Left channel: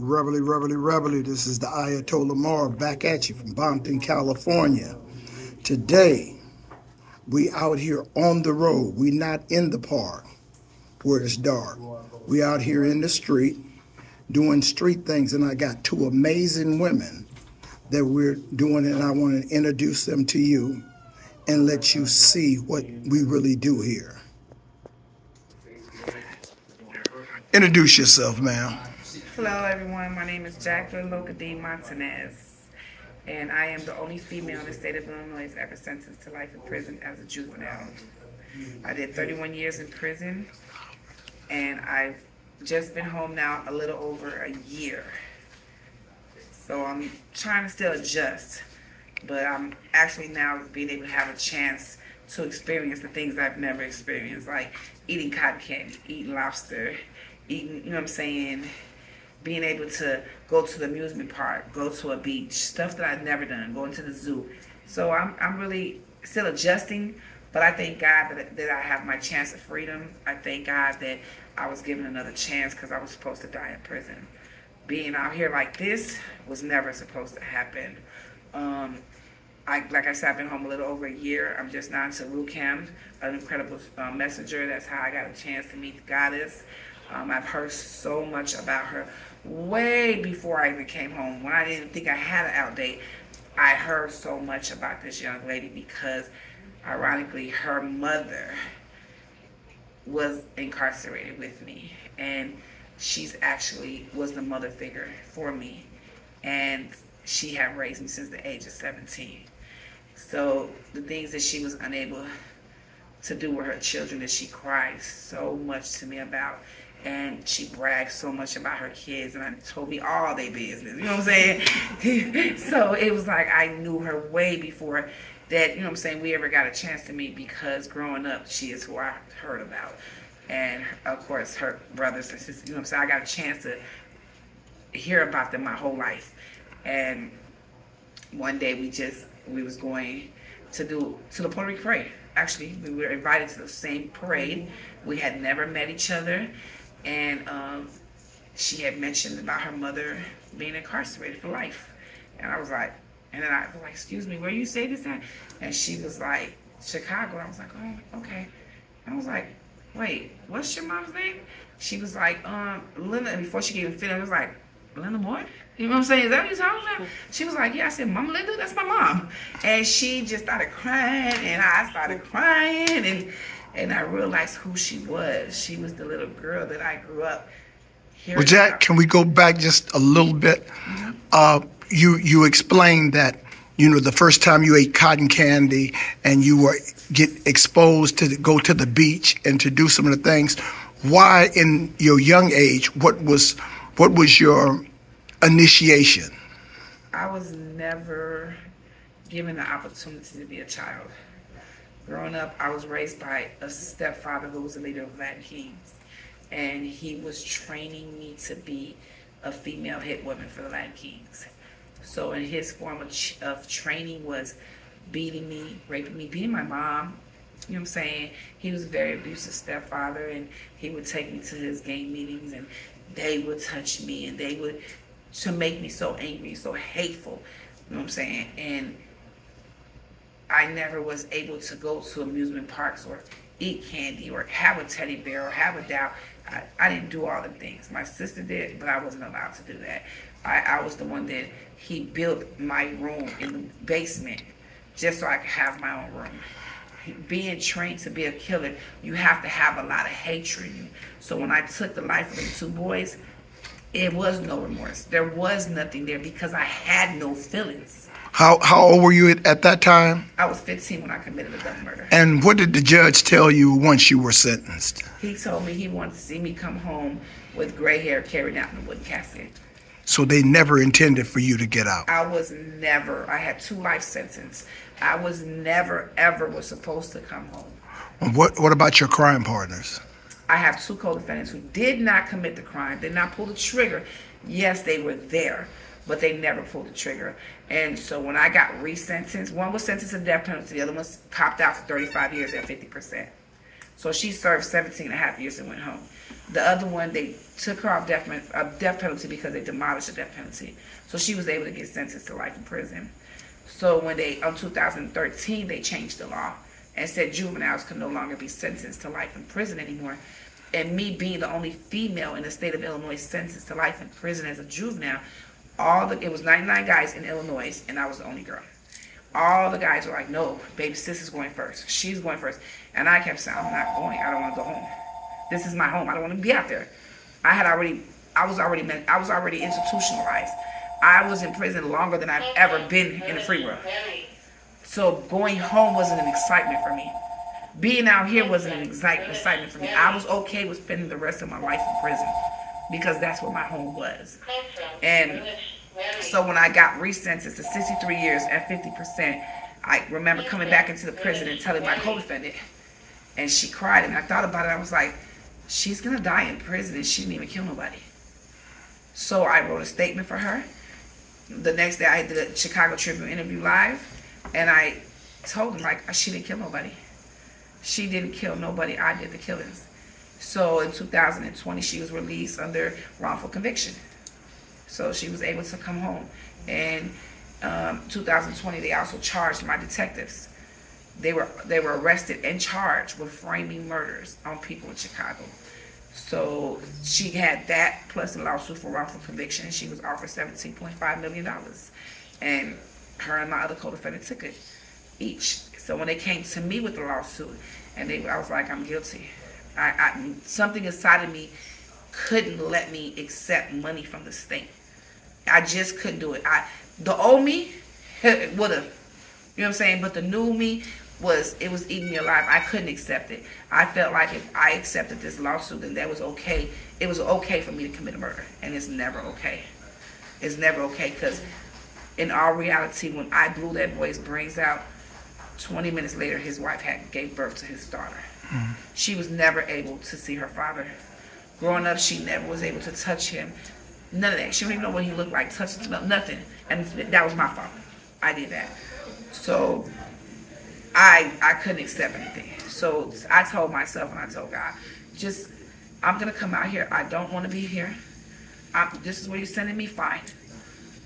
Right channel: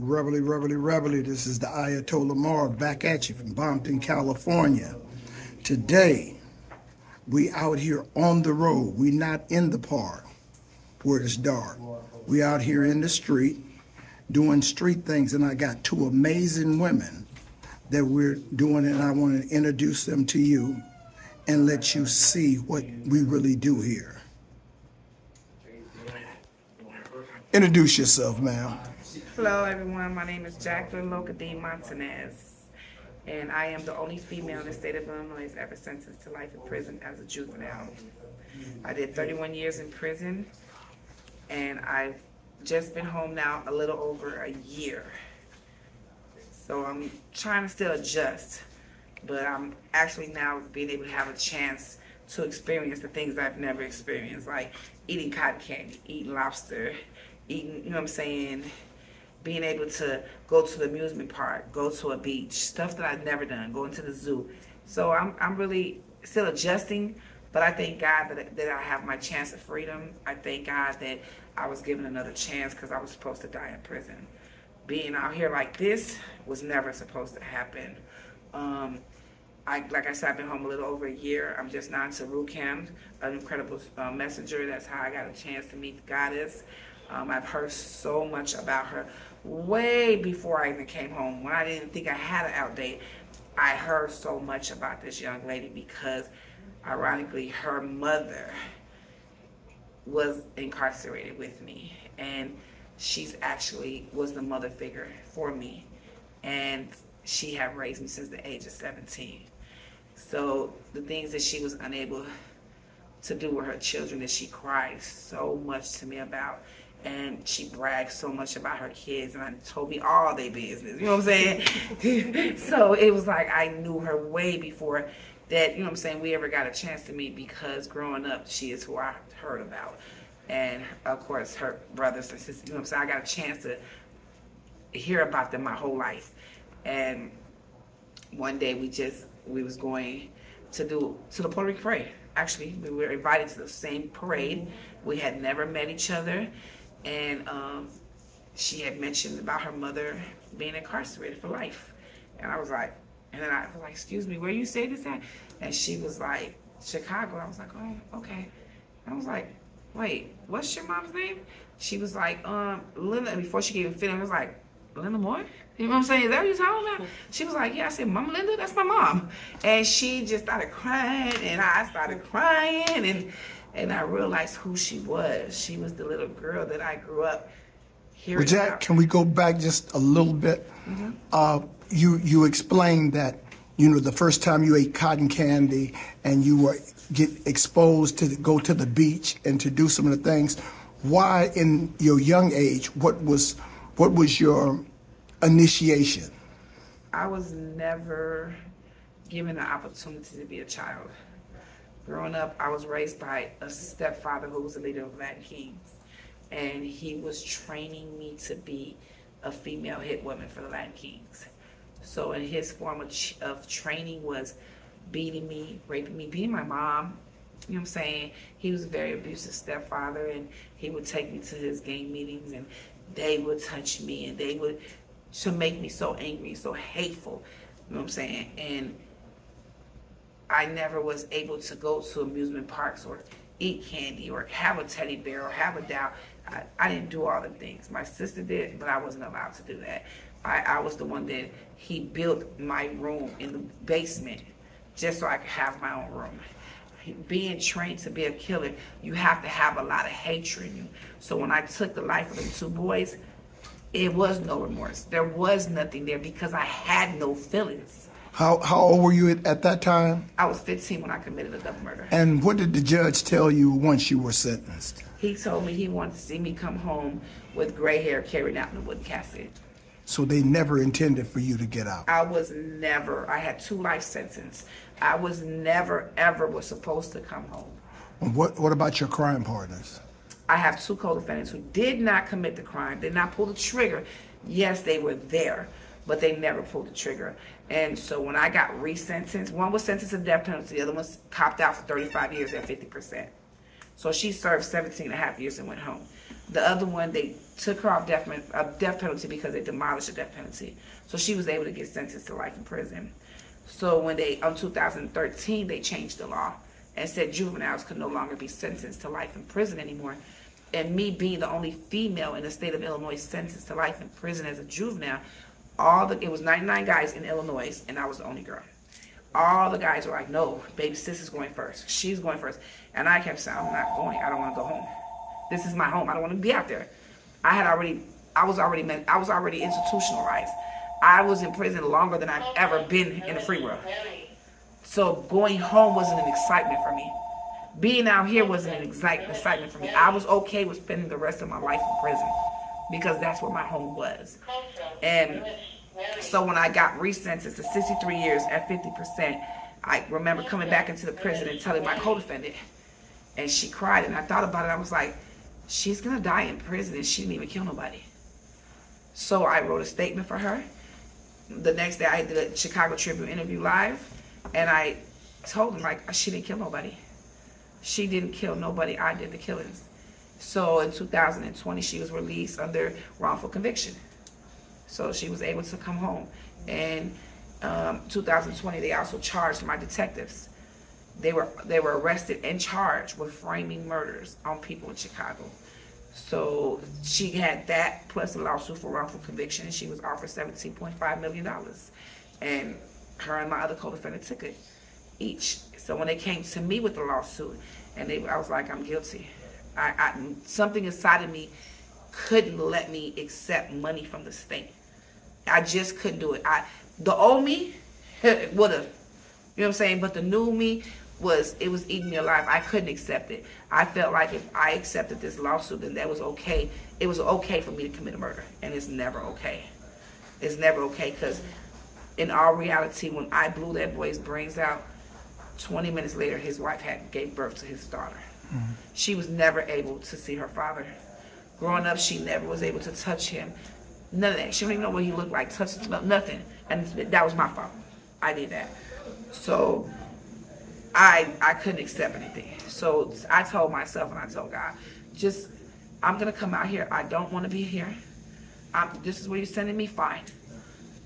Reveille. This is the Ayatollah Marv back at you from Bompton, California. Today, we out here on the road. We not in the park where it's dark. We out here in the street doing street things, and I got two amazing women that we're doing, and I want to introduce them to you and let you see what we really do here. Introduce yourself, ma'am. Hello, everyone. My name is Jacqueline Loca D Montanez, and I am the only female in the state of Illinois ever sentenced to life in prison as a juvenile. I did 31 years in prison, and I've just been home now a little over a year. So I'm trying to still adjust, but I'm actually now being able to have a chance to experience the things I've never experienced, like eating cotton candy, eating lobster, eating, you know what I'm saying, being able to go to the amusement park, go to a beach, stuff that I've never done, going to the zoo. So I'm really still adjusting, but I thank God that I have my chance of freedom. I thank God that I was given another chance because I was supposed to die in prison. Being out here like this was never supposed to happen. Like I said, I've been home a little over a year. I'm just now into Rucam, an incredible messenger. That's how I got a chance to meet the goddess. I've heard so much about her way before I even came home. When I didn't think I had an out date, I heard so much about this young lady because, ironically, her mother was incarcerated with me, and she's actually was the mother figure for me, and she had raised me since the age of 17. So the things that she was unable to do with her children, that she cries so much to me about, and she brags so much about her kids, and told me all their business, you know what I'm saying? So it was like I knew her way before that, you know what I'm saying, we ever got a chance to meet, because growing up, she is who I heard about. And of course, her brothers and sisters, you know what I'm saying, I got a chance to hear about them my whole life. And one day we was going to the Puerto Rico parade. Actually, we were invited to the same parade. We had never met each other, and she had mentioned about her mother being incarcerated for life. And I was like, and then I was like, excuse me, where you say this at? And she was like, Chicago. And I was like, oh, okay. And I was like, wait, what's your mom's name? She was like, Linda. And before she could even finish, I was like, Linda Moore? You know what I'm saying? Is that what you're talking about? She was like, yeah. I said, Mama Linda, that's my mom. And she just started crying, and I started crying, and I realized who she was. She was the little girl that I grew up hearing. Well, Jack, can we go back just a little bit? Mm-hmm. You explained that, you know, the first time you ate cotton candy and you were get exposed to go to the beach and to do some of the things. Why, in your young age, what was your initiation? I was never given the opportunity to be a child. Growing up, I was raised by a stepfather who was the leader of Latin Kings, and he was training me to be a female hit woman for the Latin Kings. So in his form of training was beating me, raping me, beating my mom. You know what I'm saying? He was a very abusive stepfather, and he would take me to his gang meetings, and they would touch me, and they would to make me so angry, so hateful. You know what I'm saying? And I never was able to go to amusement parks or eat candy or have a teddy bear or have a doll. I didn't do all the things. My sister did, but I wasn't allowed to do that. I was the one that he built my room in the basement just so I could have my own room. Being trained to be a killer, you have to have a lot of hatred in you. So when I took the life of the two boys, it was no remorse. There was nothing there because I had no feelings. How old were you at that time? I was 15 when I committed a double murder. And what did the judge tell you once you were sentenced? He told me he wanted to see me come home with gray hair carried out in a wooden casket. So they never intended for you to get out? I had 2 life sentences. I was never, ever was supposed to come home. And what about your crime partners? I have 2 co-defendants who did not commit the crime, did not pull the trigger. Yes, they were there, but they never pulled the trigger. And so when I got resentenced, one was sentenced to death penalty, the other one copped out for 35 years at 50%. So she served 17 and a half years and went home. The other one, they took her off death penalty because they demolished the death penalty. So she was able to get sentenced to life in prison. So when they, 2013, they changed the law and said juveniles could no longer be sentenced to life in prison anymore. And me being the only female in the state of Illinois sentenced to life in prison as a juvenile, it was 99 guys in Illinois, and I was the only girl. All the guys were like, no, baby sis is going first. She's going first. And I kept saying, I'm not going. I don't want to go home. This is my home. I don't want to be out there. I was already institutionalized. I was in prison longer than I've ever been in the free world. So going home wasn't an excitement for me. Being out here wasn't an excitement for me. I was okay with spending the rest of my life in prison because that's what my home was. And so when I got resentenced to 63 years at 50%, I remember coming back into the prison and telling my co-defendant, and she cried, and I thought about it. I was like, she's going to die in prison and she didn't even kill nobody. So I wrote a statement for her. The next day I did a Chicago Tribune interview live, and I told them, like, she didn't kill nobody. She didn't kill nobody. I did the killings. So in 2020, she was released under wrongful conviction. So she was able to come home. And 2020, they also charged my detectives. They were arrested and charged with framing murders on people in Chicago. So she had that plus a lawsuit for wrongful conviction, and she was offered $17.5 million. And her and my other co-defendant took it each. So when they came to me with the lawsuit, and I was like, I'm guilty. Something inside of me couldn't let me accept money from the state. I just couldn't do it. The old me would have, you know what I'm saying? But the new me was eating me alive. I couldn't accept it. I felt like if I accepted this lawsuit, then that was okay. It was okay for me to commit a murder, and it's never okay. It's never okay, because in all reality, when I blew that boy's brains out, 20 minutes later, his wife gave birth to his daughter. Mm-hmm. She was never able to see her father. Growing up, she never was able to touch him. None of that. She didn't even know what he looked like, touch, smell, nothing. And that was my fault. I did that. So I couldn't accept anything. So I told myself, and I told God, I'm going to come out here. I don't want to be here. This is where you're sending me, fine.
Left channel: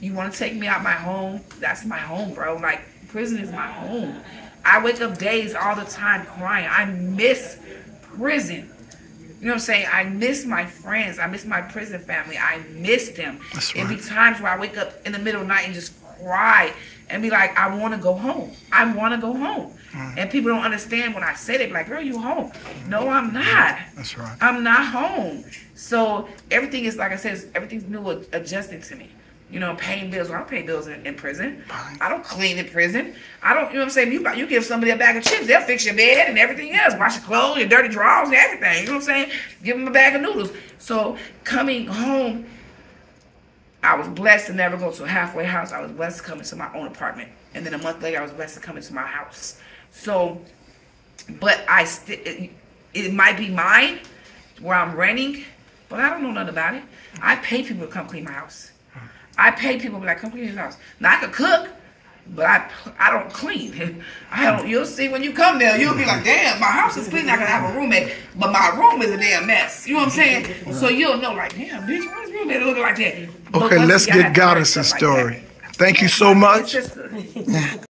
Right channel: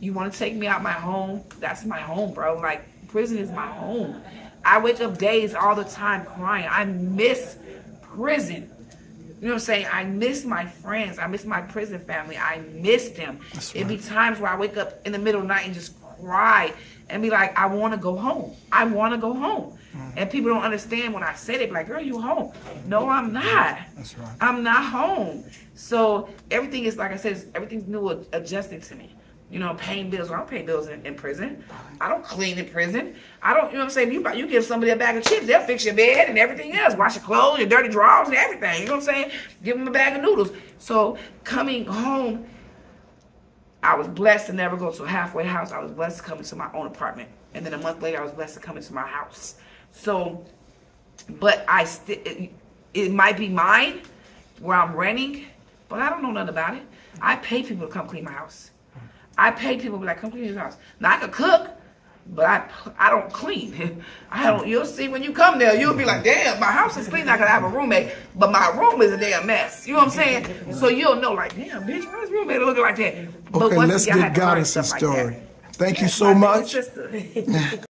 You want to take me out my home? That's my home, bro. Like, prison is my home. I wake up days all the time crying. I miss prison. You know what I'm saying? I miss my friends. I miss my prison family. I miss them. That's right. It'd be times where I wake up in the middle of the night and just cry and be like, I want to go home. I want to go home. And people don't understand when I say it. Like, girl, you home. No, I'm not. That's right. I'm not home. So everything is, like I said, everything's new, adjusting to me. You know, paying bills. I don't pay bills in prison. I don't clean in prison. I don't, you know what I'm saying? You give somebody a bag of chips, they'll fix your bed and everything else. Wash your clothes, your dirty drawers and everything. You know what I'm saying? Give them a bag of noodles. So coming home, I was blessed to never go to a halfway house. I was blessed to come into my own apartment. And then a month later, I was blessed to come into my house. So, but it might be mine where I'm renting, but I don't know nothing about it. I pay people to come clean my house. I pay people to be like, come clean your house. Now I can cook, but I don't clean. You'll see when you come there, you'll be like, damn, my house is clean. I can have a roommate, but my room is a damn mess. You know what I'm saying? So you'll know, like, damn, bitch, why is roommate looking like that? Okay, let's get Goddess's story. Thank you so much.